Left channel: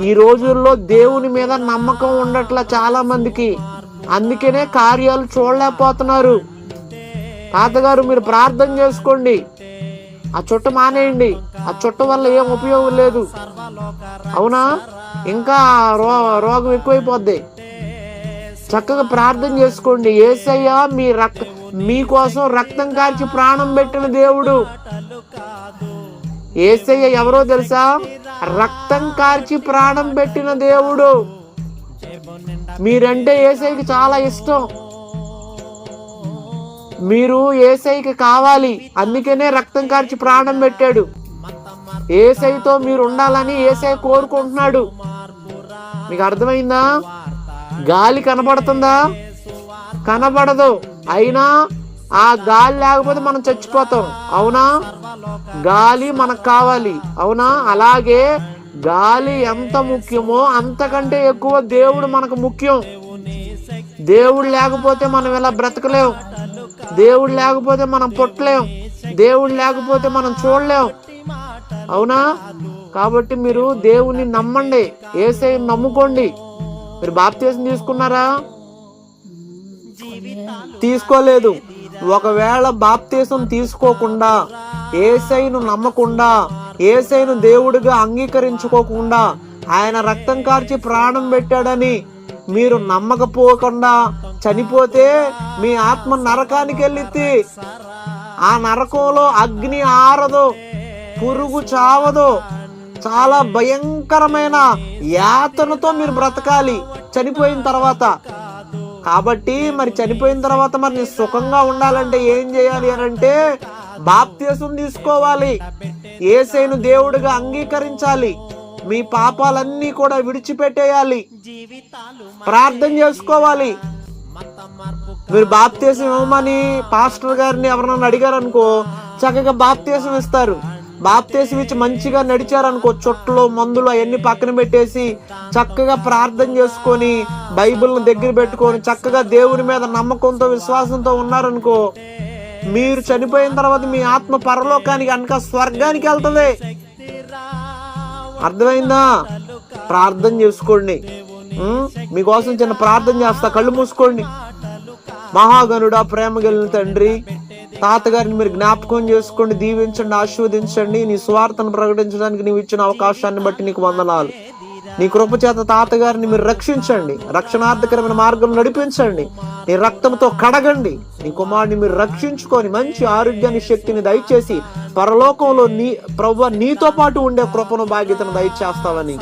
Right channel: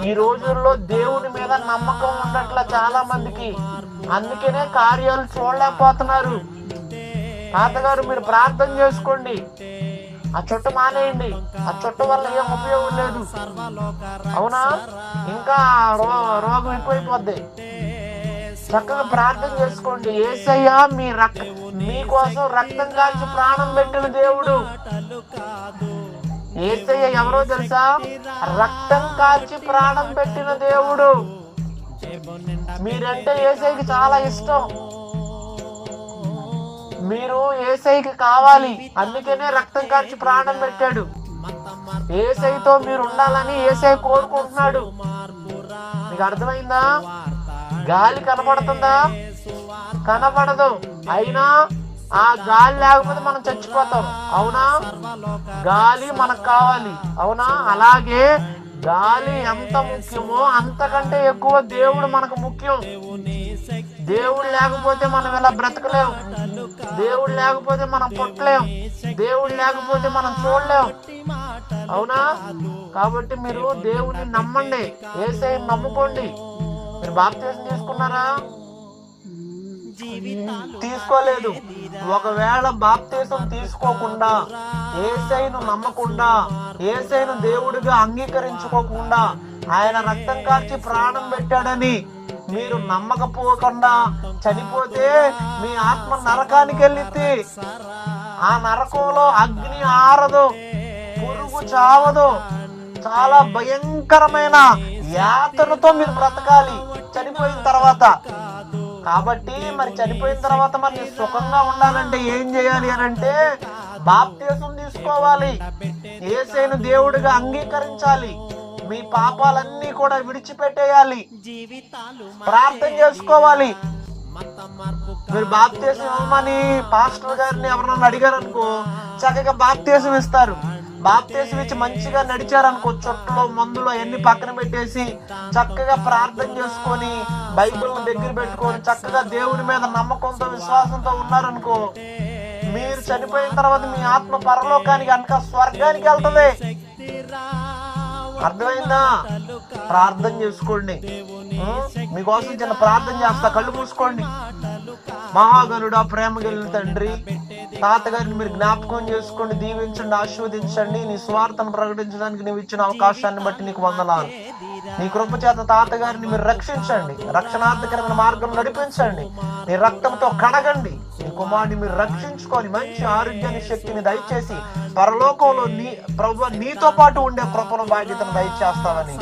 ఈ రోజుల్లో దేవుని మీద నమ్మకం ఉండట్లా చాలా మందికి. అందుకనే కార్యాలు చూడలేకపోతున్నారు. తాతగారు మీరు ప్రార్థన చేసుకోండి. ఆ చుట్ట మానేయండి. ఆ చుట్ట వల్ల ఏం ఉపయోగం లేదు. అవునా? ఇంకా రో రోగం ఎక్కువైపోద్ది. చక్కగా ప్రార్థన చేసుకోండి. ఏసయ్యా మీ రక్ మీకోసం రక్తం కాల్చి ప్రాణం పెట్టిన దేవుడు. ఏసయ్య ఎవరో తెలుసా? రక్తం కాల్చి ప్రాణం పెట్టిన దేవుడు. మీరంటే ఏసైకి చాలా ఇష్టం. మీరు ఏసైకి కావాలి. అందుకనే రక్తం కార్చి ప్రాణం పెట్టాడు. ఏసైతో మీరు ఉండాలని ఏసై కోరుకుంటున్నాడు. మీకు అర్థమైందా? గాలి కనబడుతుందా? కనబడదు. అయినా ఆ గాలి లేకపోతే మనం చచ్చిపోతాం. అవునా? గాలి మనకు కావాలి. అవునా? అలాగే గాలి ఎంత ముఖ్యమో అంతకంటే ఎక్కువ దేవుడు మనకు ముఖ్యం. దేవుడు లేకపోతే మనం ఇలా బ్రతకలేం? దేవుడు లేకపోతే మనం పుట్టలేం. దేవుడు లేకపోతే మనం చూడలేం. అవునా? కాబట్టి మీరు దేవుని నమ్మండి. ఏసై నమ్ముకోండి. మీరు బాప్తీసం తీసుకున్నారా? తీసుకోలేదు. ఒకవేళ బాప్తీసం తీసుకోకుండా ఏసైను నమ్మకుండా ఏసైను దేవుడిగా అంగీకరించుకోకుండా ఆయన రక్తం కార్చి ప్రాణం పెట్టాడని మీరు నమ్మకపోకుండా చనిపోతే మీ ఆత్మ నరకానికి వెళ్ళిద్ది ఆ నరకంలో అగ్ని ఆరదు పురుగు చావదు. చాలా భయంకరమైన యాతనతో మీరు బ్రతకాలి. చనిపోయిన తర్వాత కాబట్టి మరి చనిపోయిన తర్వాత మరి సుఖంగా ఉండాలంటే ఏం చేయాలి అని అంటే బాప్తీసం తీసుకోవాలి. ఏసైన దేవుడిగా అంగీకరించాలి. మీ పాపాలన్నీ కూడా విడిచిపెట్టేయాలి. ప్రార్థన చేసుకోవాలి. మీరు బాప్తీసం ఇవ్వమని పాస్టర్ గారిని ఎవరన్నా అడిగారు అనుకో చక్కగా బాప్తీసం ఇస్తారు. బాప్తీసం ఇచ్చి మంచిగా నడిచారనుకో చుట్టలో మందులు అవన్నీ పక్కన పెట్టేసి చక్కగా ప్రార్థన చేసుకొని బైబిల్ని దగ్గర పెట్టుకొని చక్కగా దేవుని మీద నమ్మకంతో విశ్వాసంతో ఉన్నారనుకో మీరు చనిపోయిన తర్వాత మీ ఆత్మ పరలోకానికి అనక స్వర్గానికి వెళ్తుంది. అర్థమైందా? ప్రార్థన చేసుకోండి. మీకోసం చిన్న ప్రార్థన చేస్తా. కళ్ళు మూసుకోండి. మహాగనుడ ప్రేమ కలిగిన తండ్రి తాతగారిని మీరు జ్ఞాపకం చేసుకోండి దీవించండి ఆశీర్వదించండి. నీ స్వార్థను ప్రకటించడానికి నీవు ఇచ్చిన అవకాశాన్ని బట్టి నీకు వందనాలు. నీ కృప చేత తాతగారిని మీరు రక్షించండి. రక్షణార్థకరమైన మార్గం నడిపించండి. నీ రక్తంతో కడగండి. నీ కుమారుని మీరు రక్షించుకొని మంచి ఆరోగ్యాన్ని శక్తిని దయచేసి పరలోకంలో నీ ప్రభు నీతో పాటు ఉండే కృపను బాధ్యతను దయచేస్తావని